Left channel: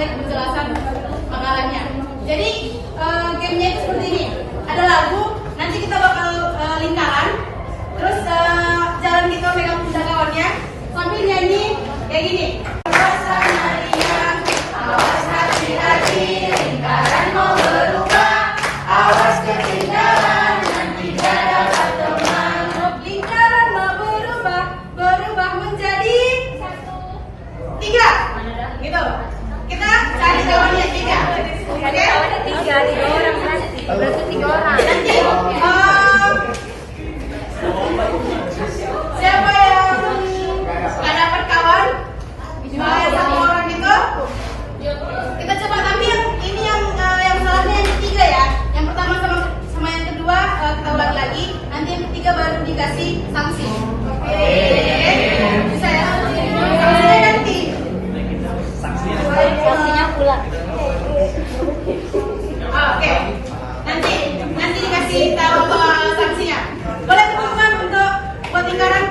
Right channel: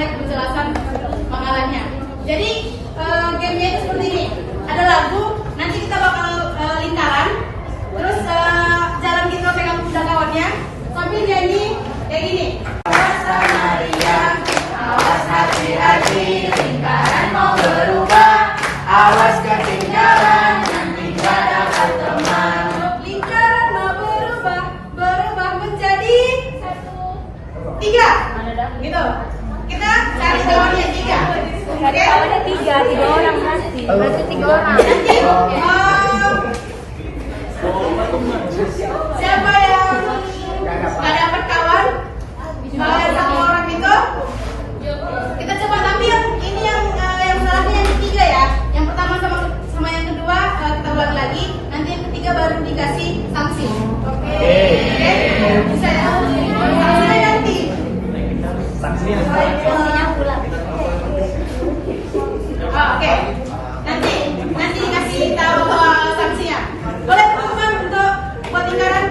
mulai penjelasan makalannya. Jadi gamenya itu seperti ini. Ada lagu, nanti kita bakal lingkaran. Terus jalan kita pegang kuda kawannya sambil nyanyi kayak gini. Awas Maria, awas hati-hati, lingkaran mau berubah. Awas ketinggalan, nanti tidak dapat teman. Lingkaran mau berubah menjadi 3. Gitu. Kita cari jawabannya 3. Oke? Ada 3 orang masih. Berarti 3 orang. Nanti siapa yang nggak dapat kawan, yang sama orang itu, kita coba tampil. Ini yang salahnya yang ketiga ya. Yang pertama sama yang kedua kita ulang lagi. Nanti yang ketiga baru dikasih sanksi. Oke. Bisa ya? Sanksinya nanti. Sanksinya pulang. Oke. Nanti dikasih tahu sanksinya. Boleh teman-teman untuk buat lingkaran?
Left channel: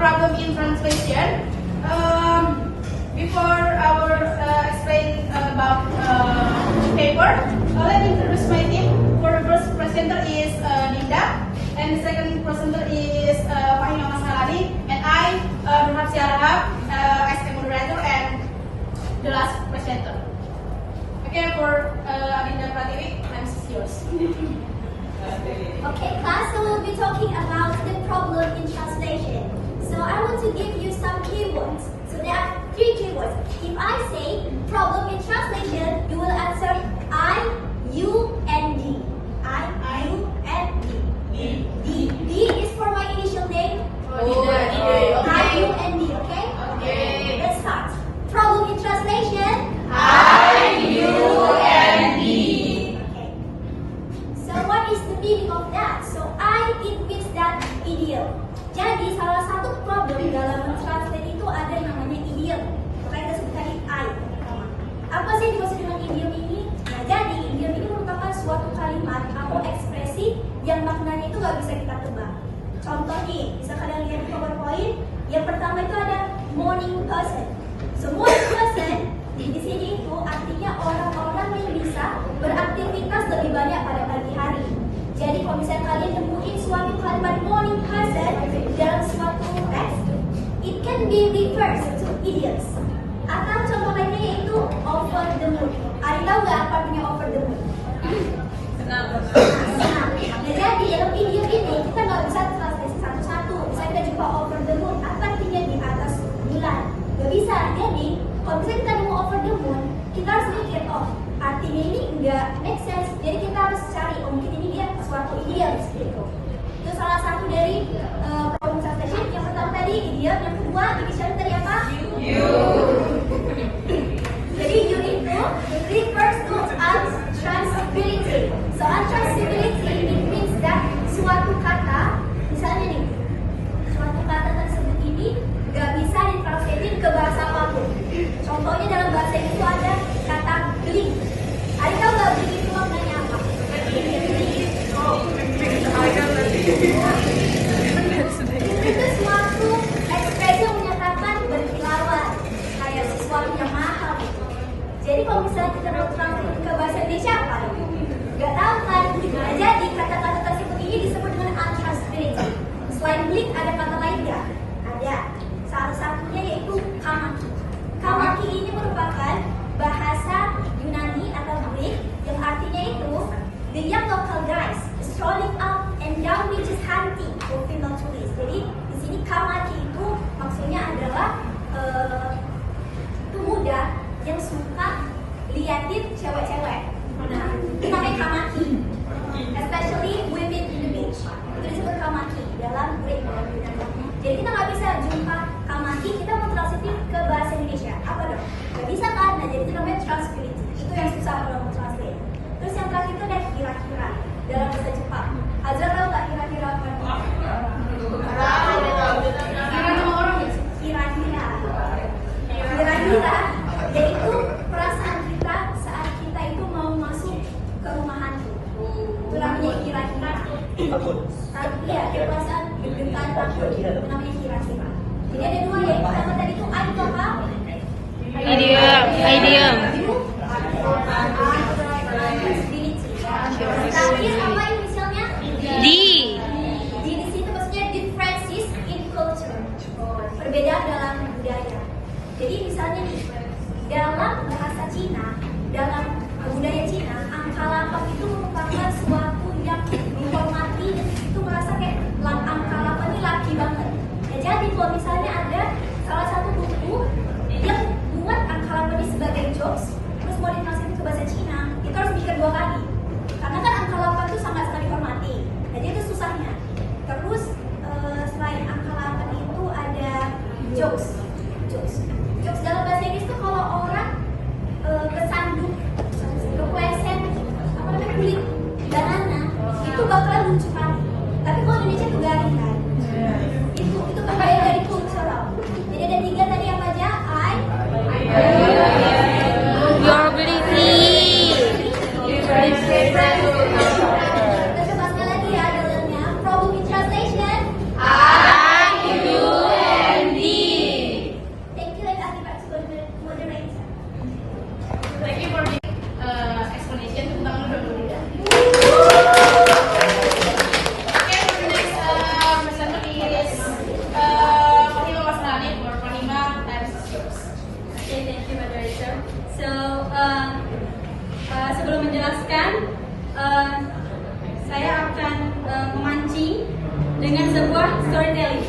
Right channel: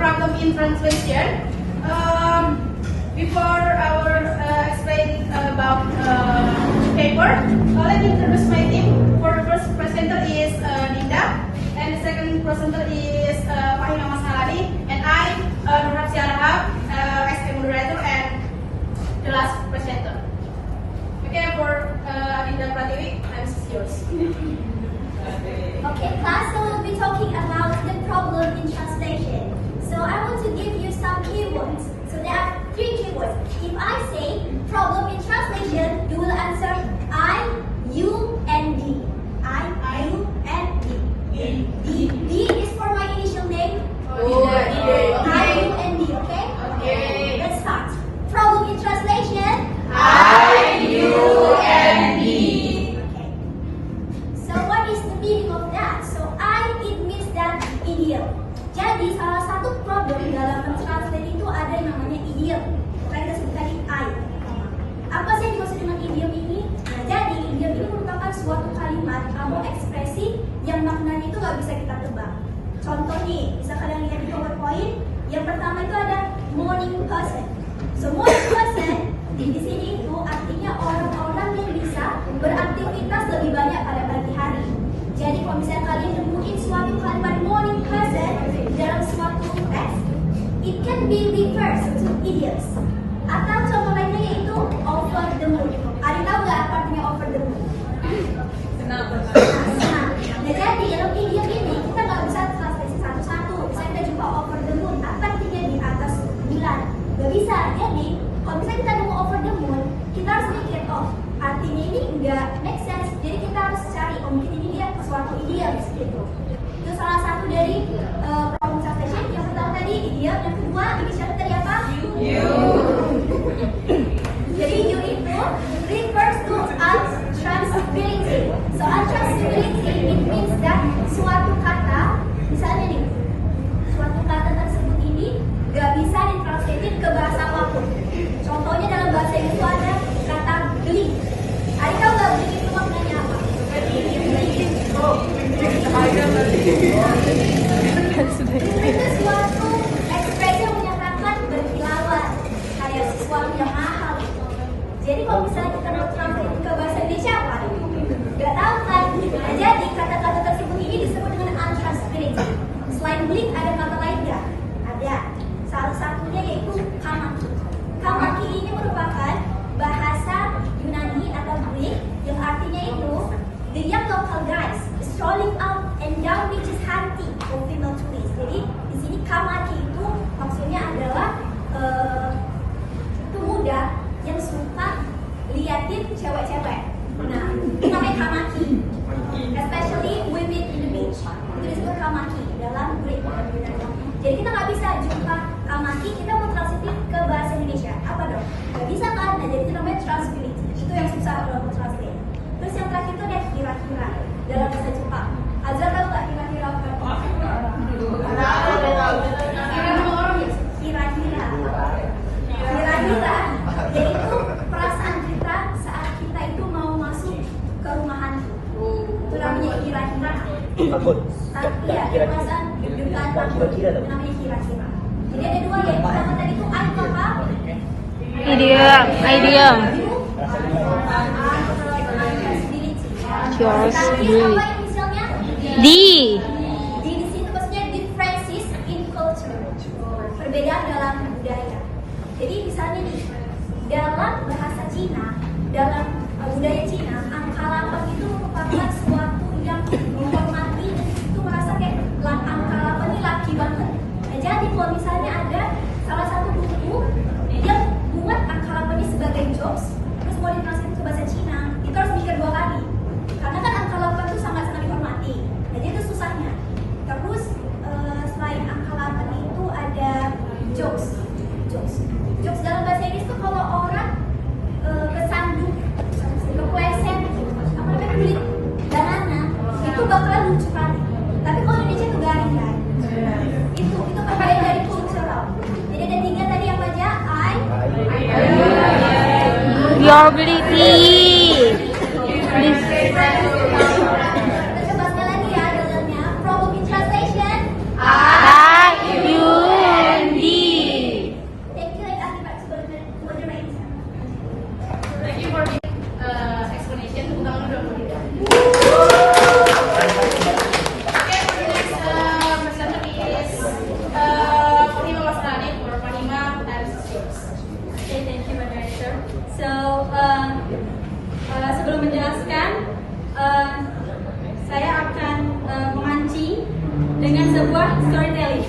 Problem in translation. Before our explain about paper, let me introduce my team. For the first presenter is Linda, and the second presenter is Fahima Mashalari, and I, Nurhat Syarahab, as the moderator, and the last presenter. Okay, for Linda Pratiwi, I'm yours. Okay, class, so we'll be talking about the problem in translation. So I want to give you some keywords. So there are 3 keywords. If I say problem in translation, you will answer I, U, and D. I, U, and D. D is for my initial name. I, U, and D, okay? Okay. Let's start. Problem in translation. I, U, and D. Okay. So what is the meaning of that? So I, it means that idiom. Jadi salah satu problem dalam mentranslate itu ada yang namanya idiom. Makanya kita sebut tadi I. Apa sih yang dimaksud dengan idiom ini? Nah, jadi idiom ini merupakan suatu kalimat atau ekspresi yang maknanya itu nggak bisa kita tebak. Contoh nih, bisa kalian lihat di PowerPoint. Yang pertama itu ada morning person. So morning person di sini itu artinya orang-orang yang bisa beraktivitas lebih banyak pada pagi hari. Jadi kalau misalnya kalian nemuin suatu kalimat morning person dalam suatu teks, it can be reversed to idioms. Atau contoh lainnya yaitu over the moon. Ada tahu nggak apa artinya over the moon? Senang. Nah, jadi dalam idiom ini kita nggak bisa translasi satu-satu. Misalnya kita jumpa over the moon, apa artinya di atas bulan? Gak bisa. Jadi kalau misalnya kita nemu over the moon, kita harus mikir, oh artinya ini nggak make sense. Jadi kita harus cari, oh mungkin ini dia suatu idiom gitu. Itu salah satu dari problem translation. Yang pertama tadi idiom. Yang kedua inisialnya tadi apa? Jadi you itu refers to untransferability. So untransferability it means that suatu kata, misalnya nih, suatu kata tersebut ini gak bisa ditranslatein ke bahasa apapun. Contohnya dalam bahasa Inggris itu ada kata blink. Ada tahu gak blink itu maknanya apa? Itu suatu ekspresi yang menyatakan berkilauan, kayak sesuatu yang mahal. Jadi kalau misalnya kita mau translate ke bahasa Indonesia apa? Gak tahu kan? Nah, jadi kata-kata tersebut ini disebut dengan untransferability. Selain blink ada kata lain nggak? Ada. Salah satunya yaitu kamaki. Kamaki ini merupakan bahasa Yunani atau Greek yang artinya itu the young local guys strolling up and down beaches hunting for female tourists. Jadi di sini kamaki itu maksudnya adalah pemuda yang suka liatin cewek-cewek. Nah, itu namanya kamaki. Especially women in the beach. Itu disebut kamaki dalam Greek dan Yunani. Jadi kita nggak bisa jumpa kamaki, kita mau translate ke bahasa Indonesia. Apa dong? Nggak bisa kan? Nah, jadi itu namanya transferability. Itu yang susah kalau mau translate. Terus yang terakhir itu ada kira-kira dalam bahasa Jepang. Azra tahu nggak kira-kira apa? Kira-kira. Kira-kira yaitu perasaan kita saat kita itu mau masuk ke rumah hantu. Itu namanya kira-kira. Tapi ya, perasaan deg-degan takut itu namanya kira-kira. Jadi ada dua ya. Pertama tadi itu apa? Idiom. Terakhir apa inisialnya? D. Di situ maksudnya differences in culture. Perbedaan dalam budaya. Jadi misalnya nih, dalam bahasa Cina, dalam budaya Cina, angka 8 itu merupakan suatu yang dihormati dan itu merasa kayak angka 8 ini laki banget. Nah, jadi kalau misalnya ada salah satu buku yang buat angka 8 ini sebagai jokes, terus mau ditranslate ke bahasa Cina, itu harus mikir 2 kali. Karena kan angka 8 itu sangat-sangat dihormati. Jadi itu susahnya. Terus selain angka 8 itu ada jokes. Jokes dalam bahasa Inggris itu kalau orang kesandung, kepleset, apa namanya kulit banana, itu bakalan lucu kali. Tapi kalau Indonesia itu garing kan. Itu perbedaan dari kultural. Jadi ada 3 tadi apa aja? Your ability. Kita coba sekali lagi ya dalamnya. Problem in translation. I-U-N-D. Thank you like Akibat moderator. Thank you for the explanation. Tepuk tangan dulu buat Dinda. Okay, the next presenter is Fahima Masnani or Fahima times yours. Okay, thank you, moderator. So, sebelum menjelaskan, saya akan memancing dengan sebuah storytelling.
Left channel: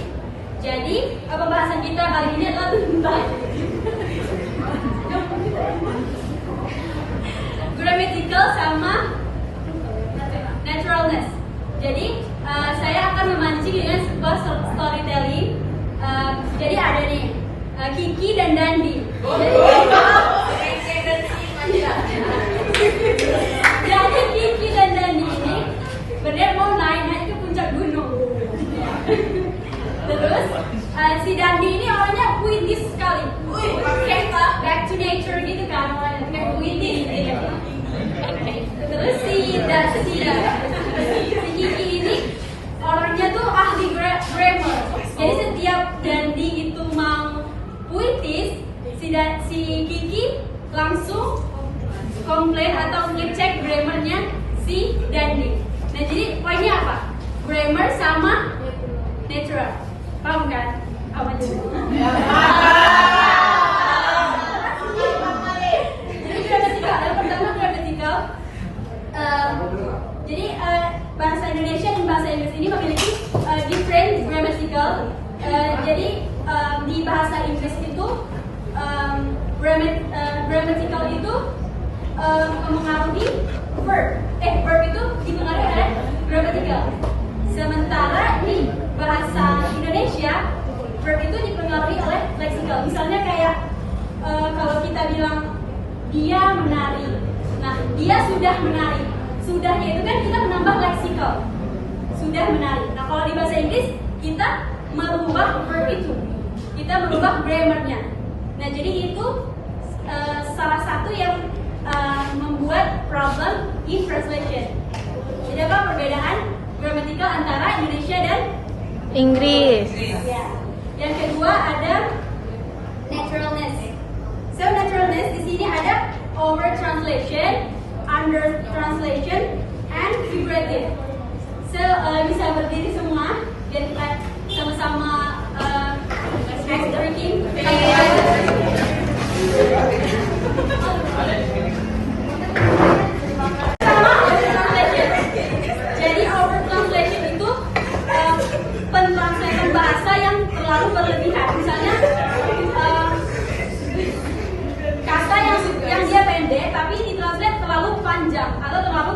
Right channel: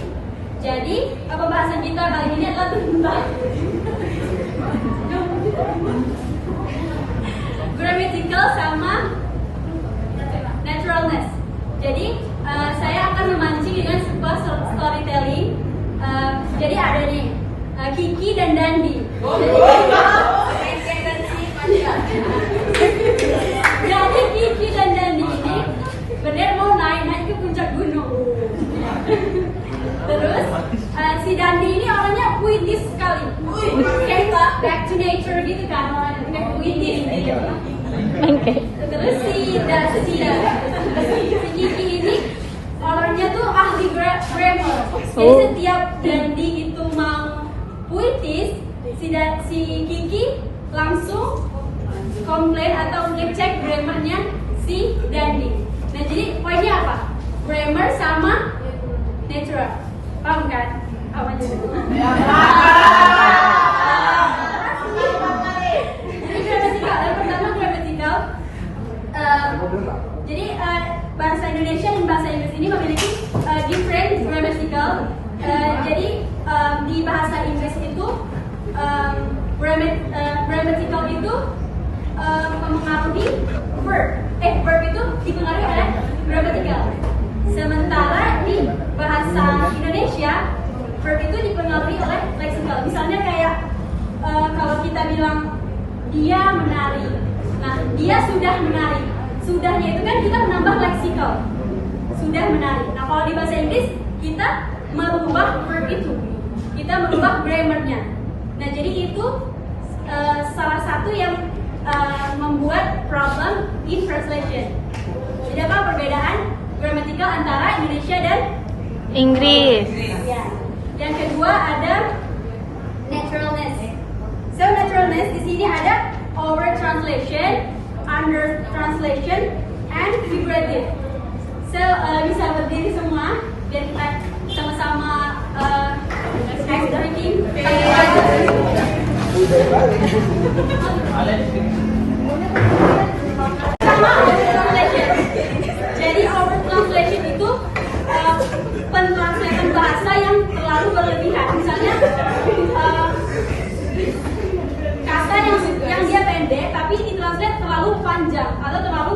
Jadi, pembahasan kita kali ini adalah tentang grammatical sama naturalness. Jadi, saya akan memancing dengan sebuah storytelling. Jadi ada nih Kiki dan Dandi. Jadi Kiki dan Dandi ini benar mau naik ke puncak gunung. Terus si Dandi ini orangnya puitis sekali. Kayak back to nature gitu kan, orangnya kayak puitis gitu. Terus si Kiki ini orangnya tuh ahli grammar. Jadi setiap Dandi itu mau puitis, si Kiki langsung komplain atau ngecek grammarnya si Dandi. Nah, jadi poinnya apa? Grammar sama natural. Paham kan? Apa itu? Jadi grammatical. Yang pertama grammatical. Jadi bahasa Indonesia dan bahasa Inggris ini memiliki different grammatical. Jadi di bahasa Inggris itu grammatical itu memengaruhi verb. Verb itu dipengaruhi oleh grammatical. Sementara di bahasa Indonesia verb itu dipengaruhi oleh leksikal. Misalnya kayak kalau kita bilang dia menari, nah dia sudah menari. Sudahnya itu kan kita menambah leksikal, sudah menari. Nah kalau di bahasa Inggris kita merubah verb itu, kita merubah grammarnya. Nah jadi itu salah satu yang membuat problem in translation. Jadi apa perbedaan gramatikal antara Indonesia dan Inggris. ya. Yang kedua ada naturalness. So naturalness di sini ada over translation, under translation, and figurative. So bisa berdiri semua biar kita sama-sama ice drinking. Sama over translation. Jadi over translation itu pentranslatan bahasa yang terlalu berlebihan. Misalnya kata yang dia pendek tapi ditranslate terlalu panjang atau terlalu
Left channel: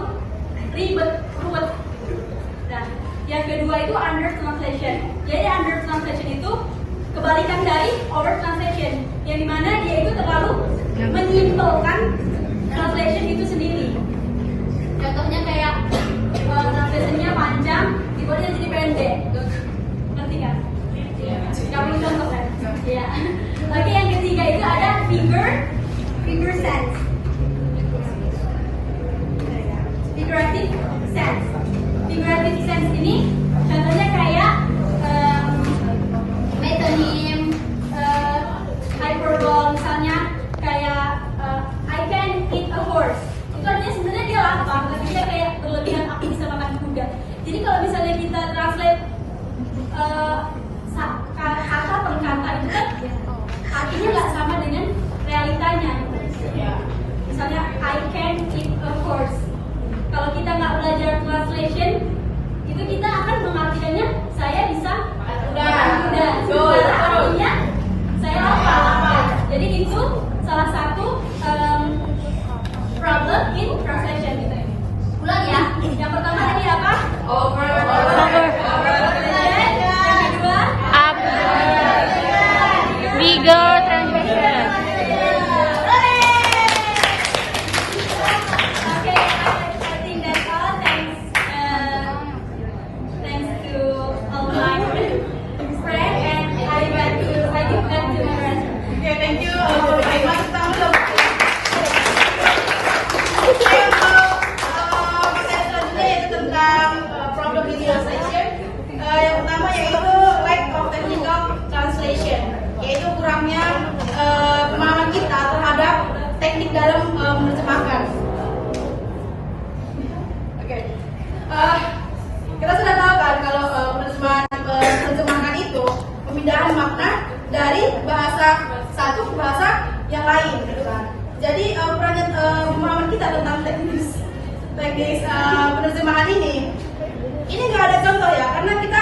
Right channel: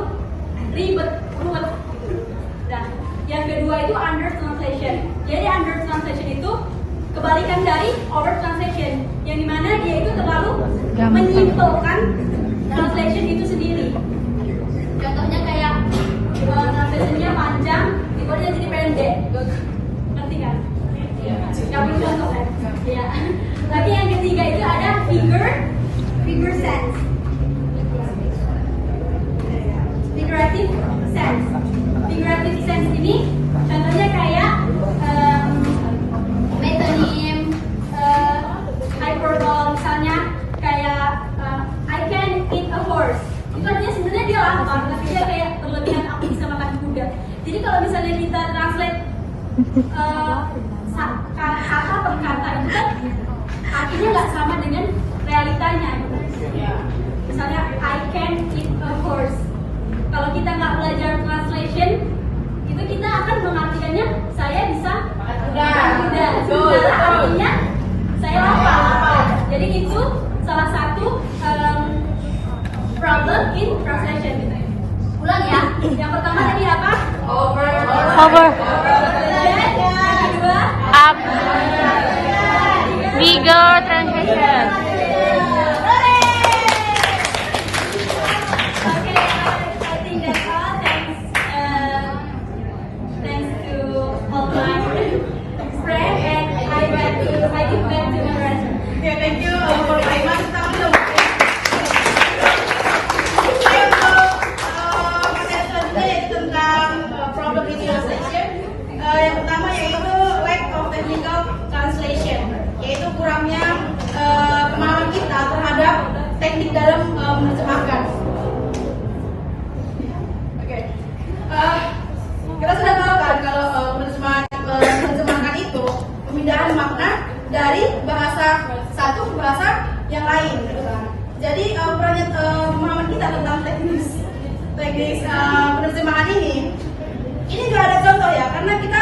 ruwet. Nah, yang kedua itu under translation. Jadi under translation itu kebalikan dari over translation, yang dimana dia itu terlalu menyimpulkan translation itu sendiri. Contohnya kayak translationnya panjang, tiba-tiba jadi pendek. Ngerti kan? Gak perlu contoh kan? Ya. Lagi yang ketiga itu ada figure sense. Figurative sense. Figurative sense ini contohnya kayak metonym, hyperbole, misalnya kayak I can eat a horse. Itu artinya sebenarnya dia lapar, tapi dia kayak berlebihan aku bisa makan kuda. Jadi kalau misalnya kita translate kata per kata itu kan artinya nggak sama dengan realitanya. Misalnya I can eat a horse. Kalau kita nggak belajar translation, itu kita akan mengartikannya saya bisa makan kuda. Sementara artinya saya lapar. Jadi itu salah satu problem in translation. Ulang ya. Yang pertama tadi apa? Over. Translation. Yang kedua Up. Bigger translation. Okay, I think that's all. Thanks to all my friends, and I give back to my friends. Oke, thank you. Baiklah, kita belum. Saya mau materi selanjutnya yaitu tentang problem in translation. Yang pertama yaitu lack of technical translation, yaitu kurangnya pemahaman kita terhadap teknik dalam menerjemahkan. Oke. Kita sudah tahu kan kalau menerjemahkan itu pemindahan makna dari bahasa satu ke bahasa yang lain, gitu kan. Jadi perannya pemahaman kita tentang teknis penerjemahan ini nggak ada contoh ya, karena kita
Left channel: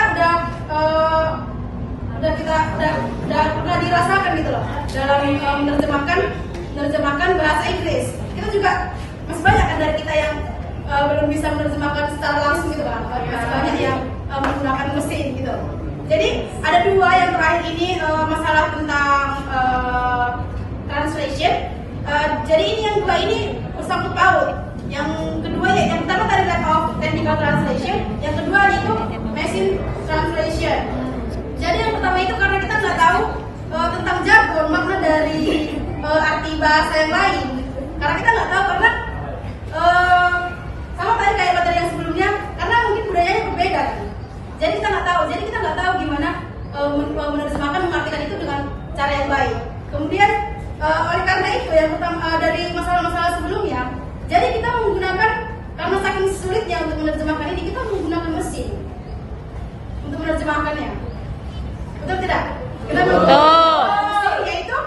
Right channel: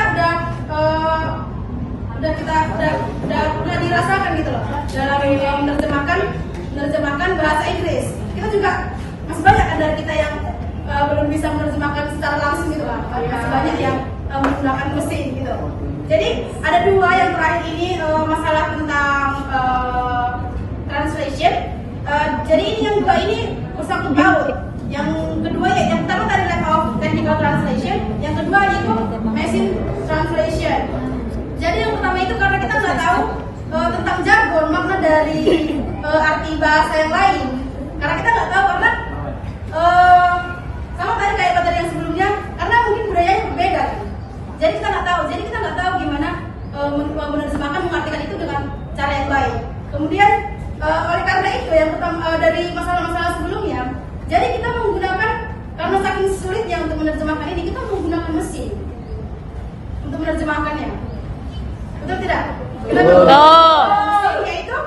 udah pernah dirasakan gitu loh dalam menerjemahkan bahasa Inggris. Kita juga masih banyak kan dari kita yang belum bisa menerjemahkan secara langsung gitu kan, masih banyak yang menggunakan mesin gitu. Jadi ada dua yang terakhir ini masalah tentang translation. Jadi ini yang dua ini bersangkut paut. Yang kedua ya, yang pertama tadi lack of technical translation, yang kedua itu machine translation. Jadi yang pertama itu karena kita nggak tahu tentang jargon, makna dari arti bahasa yang lain. Karena kita nggak tahu, karena sama tadi kayak materi yang sebelumnya, karena mungkin budayanya berbeda kan. Jadi kita nggak tahu gimana menerjemahkan, mengartikan itu dengan cara yang baik. Kemudian oleh karena itu yang pertama dari masalah-masalah sebelumnya, jadi kita menggunakan, karena saking sulitnya untuk menerjemahkan ini, kita menggunakan mesin untuk menerjemahkannya. Betul tidak? Kenapa? Betul. Yaitu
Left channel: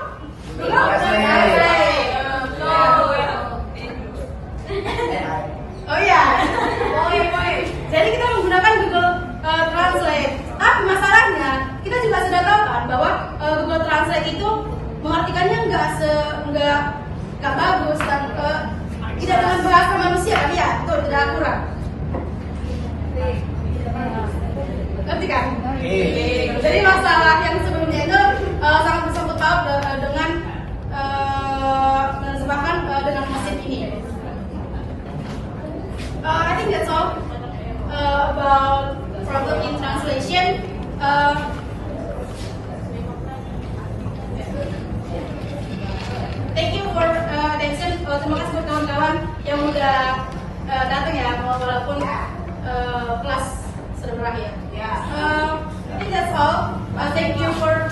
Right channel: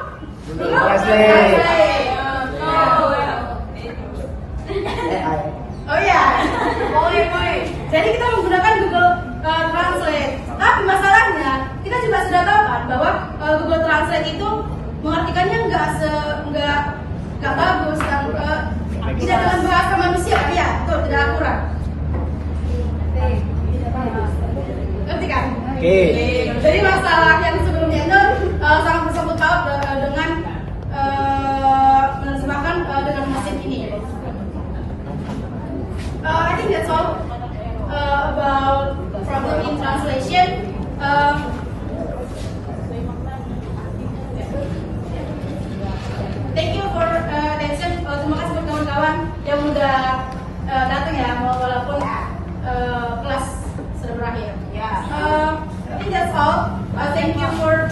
oh ya. Jadi kita menggunakan Google Translate. Tapi masalahnya kita juga sudah tahu kan bahwa Google Translate itu mengartikannya nggak bagus dan tidak dengan bahasa manusia kan ya, betul, tidak akurat. Ngerti kan? Jadi masalah yang sebelumnya solve dengan menerjemahkan dengan mesin ini. I think that's all about problem in translation. Thank you for attention. Terima kasih buat kawan-kawan yang udah datang ya, walaupun kelas sudah berakhir. I think that's all. Thank you for